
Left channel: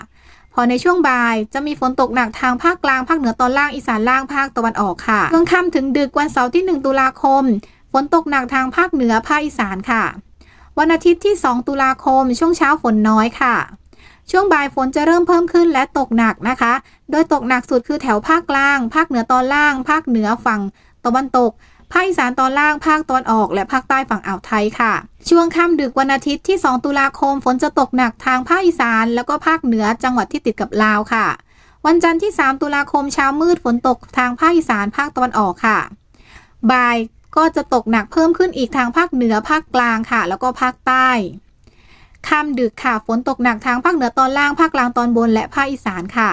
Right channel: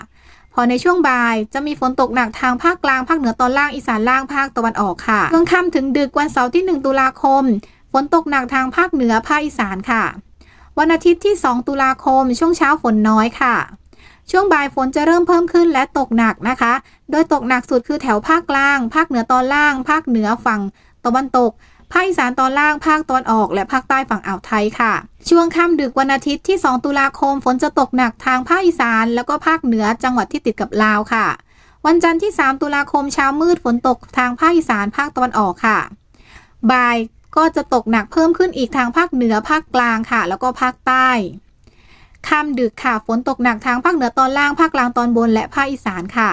พอในช่วงบ่ายจะมีฝนตกหนักทางภาคกลางภาคเหนือตอนล่างอีสานล่างภาคตะวันออกค่ะช่วงค่ำถึงดึกวันเสาร์ที่1ตุลาคมฝนตกหนักทางภาคเหนือภาคอีสานค่ะวันอาทิตย์ที่2ตุลาคมช่วงเช้าฝนน้อยค่ะช่วงบ่ายฝนจะเริ่มเพิ่มขึ้นและตกหนักนะคะโดยตกหนักสุดคือแถวภาคกลางภาคเหนือตอนล่างภาคเหนือฝั่งตะวันตกภาคอีสานตอนล่างภาคตะวันออกและภาคใต้ฝั่งอ่าวไทยค่ะช่วงค่ำดึกวันอาทิตย์ที่2ตุลาคมฝนจะตกหนักทางภาคอีสานแล้วก็ภาคเหนือจังหวัดที่ติดกับลาวค่ะวันจันทร์ที่3ตุลาคมเช้ามืดฝนตกทางภาคอีสานภาคตะวันออกค่ะบ่ายก็จะตกหนักเพิ่มขึ้นอีกทางภาคเหนือภาคกลางค่ะแล้วก็ภาคใต้ค่ำดึกค่ะฝนตกหนักทางภาคเหนือตอนล่างภาคกลางตอนบนและภาคอีสานค่ะ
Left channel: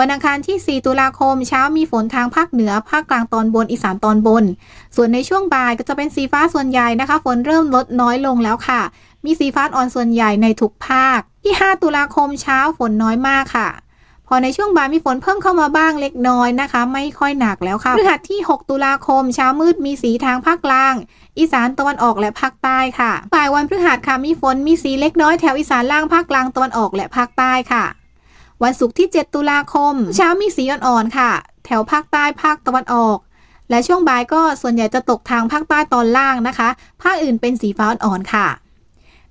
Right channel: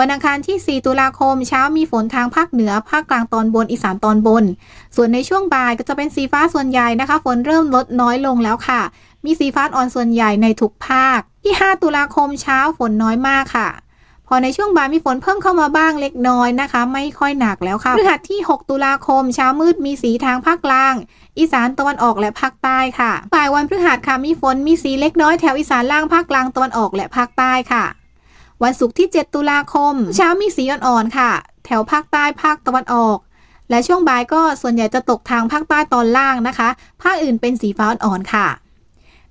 วันอังคารที่4ตุลาคมเช้ามีฝนทางภาคเหนือภาคกลางตอนบนอีสานตอนบนส่วนในช่วงบ่ายก็จะเป็นสีฟ้าส่วนใหญ่นะคะฝนเริ่มลดน้อยลงแล้วค่ะมีสีฟ้าอ่อนส่วนใหญ่ในทุกภาคที่5ตุลาคมเช้าฝนน้อยมากค่ะพอในช่วงบ่ายมีฝนเพิ่มเข้ามาบ้างเล็กน้อยนะคะไม่ค่อยหนักแล้วค่ะพฤหัสที่6ตุลาคมเช้ามืดมีสีทางภาคกลางอีสานตะวันออกและภาคใต้ค่ะบ่ายวันพฤหัสค่ะมีฝนมีสีเล็กน้อยแถวอีสานล่างภาคกลางตะวันออกและภาคใต้ค่ะวันศุกร์ที่7ตุลาคมเช้ามีสีอ่อนๆค่ะแถวภาคใต้ภาคตะวันออกและช่วงบ่ายก็ส่วนใหญ่จะตกทางภาคใต้ตอนล่างนะคะภาคอื่นเป็นสีฟ้าอ่อนๆค่ะ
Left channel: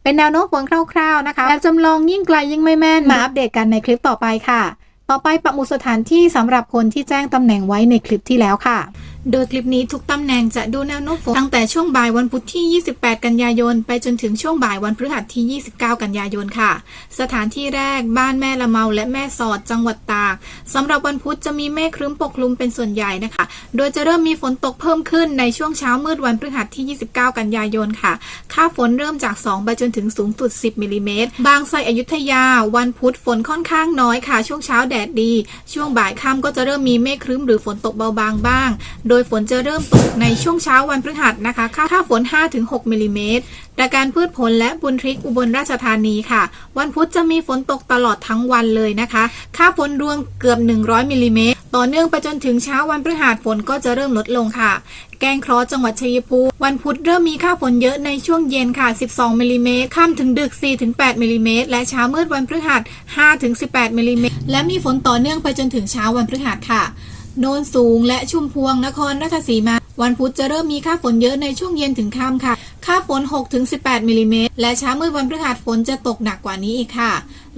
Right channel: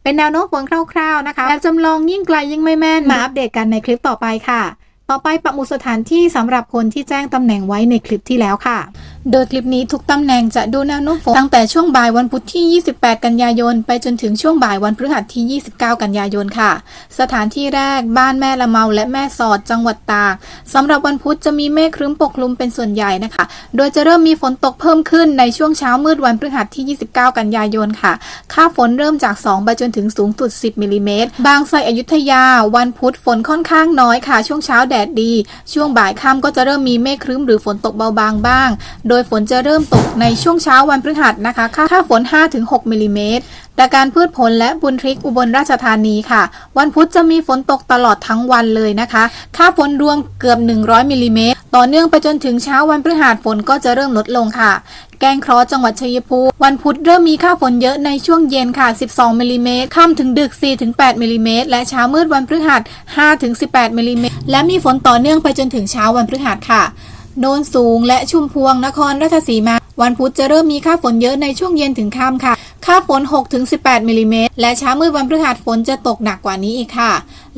เป็นแนวโน้มฝนคร่าวๆนะคะแบบจำลองยิ่งไกลยิ่งไม่แม่นมาอัปเดตกันในคลิปต่อไปค่ะต่อไปปักหมุดสถานที่สำหรับคนที่แจ้งตำแหน่งไว้ในคลิปที่แล้วค่ะโดยคลิปนี้ทุกตำแหน่งจะดูแนวโน้มฝนตั้งแต่ช่วงบ่ายวันพุธที่28กันยายนไปจนถึงช่วงบ่ายวันพฤหัสที่29กันยายนค่ะสถานที่แรกบ้านแม่ละเมาและแม่สอดจังหวัดตากสำหรับวันพุธจะมีเมฆครึ้มปกคลุมเป็นส่วนใหญ่นะคะโดยจะเริ่มมีฝนตกเพิ่มขึ้นในช่วงเช้ามืดวันพฤหัสที่29กันยายนค่ะค่าฝนเริ่มจาก2ไปจนถึงสูงสุด10มิลลิเมตรบางไทรอยุธยาวันพุธฝนค่อนข้างน้อยค่ะช่วงเช้าแดดดีช่วงบ่ายค่ำก็จะเริ่มมีเมฆครึ้มหรือฝนตกเบาบางบ้างโดยฝนจะเริ่มตกในช่วงเช้าวันพฤหัสนะคะค่าฝน 5-6 มิลลิเมตรแต่การพืชผลและบุญทริกอุบลราชธานีค่ะวันพุธจะมีฝนตกตลอดทั้งวันเลยนะคะค่าฝนรวมเกือบ100มิลลิเมตรต่อเนื่องไปจนถึงเช้าวันพฤหัสฝนก็จะเริ่มลดลงค่ะแกงเคราะห์จังหวัดชัยภูมิวันพุธเริ่มมีค่าฝนเยอะในช่วงเย็นค่ะ12มิลลิเมตรค่ำถึงดึก 4-8 มิลลิเมตรและเช้ามืดวันพฤหัส 5-18 มิลลิเมตรและมีฝนต่อเนื่องไปจนถึงเช้าวันพฤหัสค่ะโนนสูงและชุมพวงนครราชสีมาวันพุธจะเริ่มมีค่าฝนเยอะในช่วงเย็นถึงค่ำค่ะค่าฝน 6-18 มิลลิเมตรและเช้ามืดวันพฤหัสฝนจะตกหนักกว่านี้อีกค่ะ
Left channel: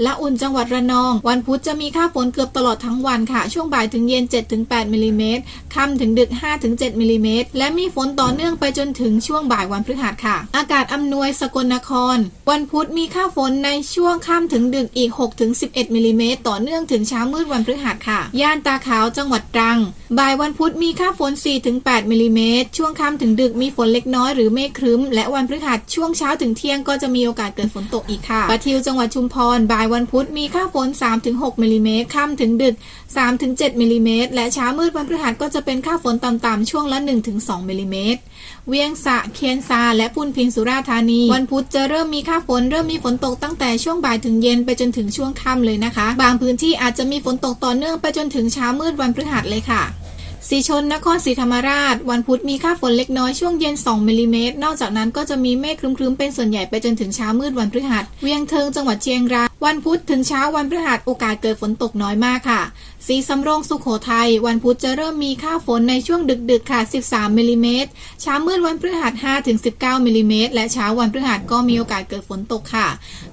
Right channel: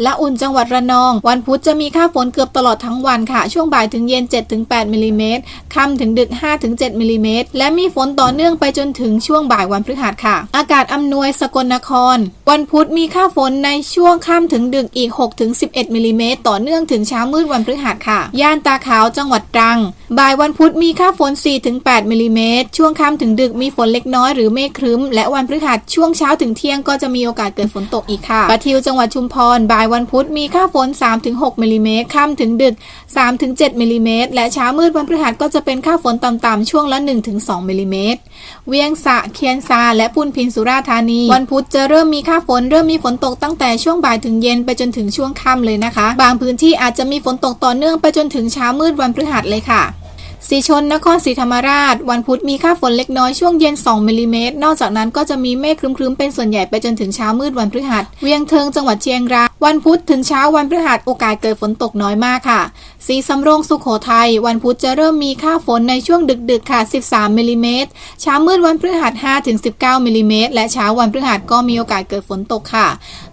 และอุ่นจังหวัดระนองวันพุธจะมีค่าฝนเกือบตลอดทั้งวันค่ะช่วงบ่ายถึงเย็น 7-8 มิลลิเมตรค่ำถึงดึก 5-7 มิลลิเมตรและมีฝนต่อเนื่องไปจนถึงช่วงบ่ายวันพฤหัสค่ะอากาศอำนวยสกลนครวันพุธมีค่าฝนในช่วงค่ำถึงดึกอีก 6-11 มิลลิเมตรต่อเนื่องถึงเช้ามืดวันพฤหัสค่ะย่านตาขาวจังหวัดตรังบ่ายวันพุธมีค่าฝน 4-8 มิลลิเมตรช่วงค่ำถึงดึกมีฝนเล็กน้อยหรือเมฆครึ้มและวันพฤหัสช่วงเช้าถึงเที่ยงก็จะมีโอกาสเกิดฝนตกอีกค่ะปะทิวจังหวัดชุมพรบ่ายวันพุธมีค่าฝน 3-6 มิลลิเมตรค่ำถึงดึก 3-7 มิลลิเมตรและเช้ามืดวันพฤหัสก็จะเป็นค่าฝนต่ำๆช่วงละ 1-2 มิลลิเมตรเวียงสะเคียนซาและพุนพินสุราษฎร์ธานีวันพุธจะเริ่มมีค่าฝนเริ่มมีฝนตกตั้งแต่ช่วงบ่ายถึงเย็นไปจนถึงช่วงค่ำเลยนะคะบางพื้นที่อาจจะมีฝนตกต่อเนื่องไปจนถึงเช้ามืดวันพฤหัสเลยค่ะสีชนนครศรีธรรมราชวันพุธมีค่าฝนเล็กน้อยช่วงเย็น2มิลลิเมตรนอกจากนั้นก็จะมีเมฆครึ้มๆเป็นส่วนใหญ่ไปจนถึงเช้ามืดวันพฤหัสเวียงเทิงจังหวัดเชียงรายวันพุธถึงเช้าวันพฤหัสโอกาสเกิดฝนตกน้อยมากค่ะศรีสำโรงสุโขทัยวันพุธจะเริ่มมีค่าฝนในช่วงดึกๆค่ะ13มิลลิเมตรเช้ามืดวันพฤหัส 5-19 มิลลิเมตรและเช้าวันพฤหัสก็มีโอกาสเกิดฝนตกค่ะ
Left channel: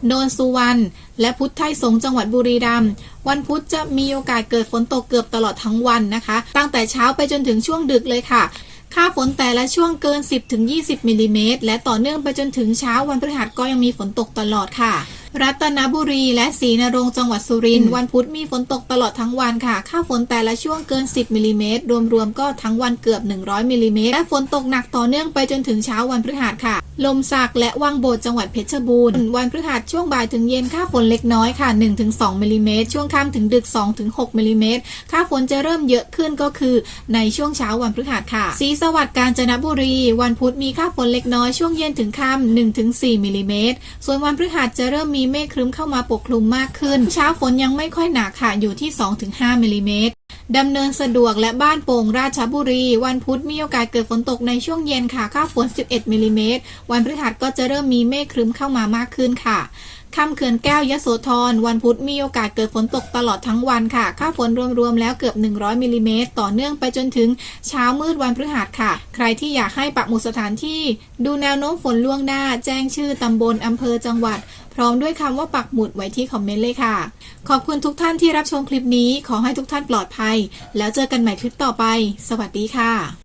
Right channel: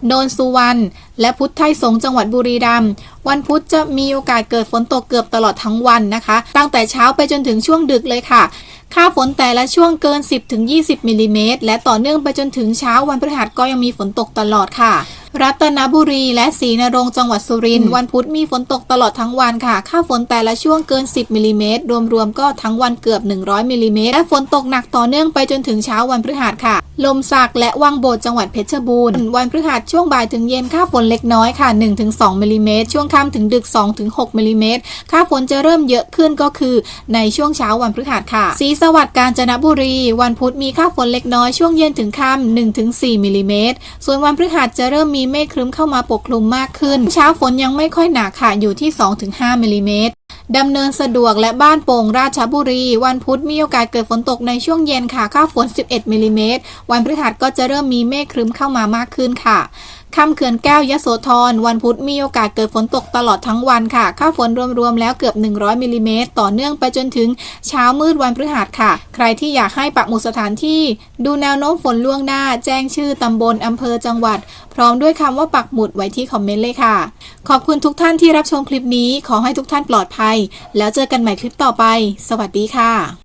โนนสุวรรณและพุทธไทยสงฆ์จังหวัดบุรีรัมย์วันพุธจะมีโอกาสเกิดฝนตกเกือบตลอดทั้งวันนะคะตั้งแต่เช้าไปจนถึงช่วงดึกเลยค่ะค่าฝนแต่ละช่วงเกิน 10-20 มิลลิเมตรและต่อเนื่องไปจนถึงเช้าวันพฤหัสก็ยังมีฝนตกตลอดค่ะรัตนบุรีและศรีนรงค์จังหวัดสุรินทร์วันพุธมีฝนตกตลอดทั้งวันค่ะค่าฝนแต่ละช่วงเกิน10มิลลิเมตรรวมๆก็ทั้งวันเกือบ100มิลลิเมตรและฝนตกหนักต่อเนื่องไปจนถึงเช้าวันพฤหัสค่ะลมสักและวังโบดจังหวัดเพชรบูรณ์วันพฤหัสช่วงบ่ายถึงเย็นค่าฝนเล็กน้อยค่ะ 1-2 มิลลิเมตรช่วงค่ำถึงดึก 2-6 มิลลิเมตรค่าฝนจะเริ่มเยอะขึ้นก็คือในช่วงเช้าวันพฤหัสค่ะศรีสวัสดิ์กาญจนบุรีวันพุธมีค่าฝนเล็กน้อยช่วงเย็นถึงค่ำ 1-4 มิลลิเมตรส่วนวันพฤหัสจะเริ่มมีเมฆครึ้มเข้ามาปกคลุมมากขึ้นเช้าฝนยังไม่ค่อยหนักค่ะอยู่ที่ 2-5 มิลลิเมตร ดำเนินสะดวกและบ้านโป่งราชบุรีวันพุธมีโอกาสเกิดฝนตกในช่วงเย็นค่ะค่าฝน11มิลลิเมตรวันพฤหัสก็จะเริ่มมีเมฆครึ้มเข้ามามากขึ้นค่ะค่ำเขื่อนแก้วยโสธรวันพุธมีโอกาสเกิดฝนตกตลอดทั้งวันค่ะค่าฝนรวมๆแล้วเกือบ100มิลลิเมตรต่อเนื่องไปจนถึงเช้ามืดวันพฤหัสค่ะใครที่อยากให้ปักหมุดสถานที่ดูแนวโน้มฝนล่วงหน้าแจ้งชื่อตำบลอำเภอจังหวัดพร้อมด้วยคำว่าปักหมุดไว้ที่คอมเมนต์เลยค่ะขอบคุณทุกท่านที่รับชมคลิปนี้ขอให้ทุกท่านปลอดภัยแล้วเจอกันใหม่คลิปต่อไปสวัสดีค่ะ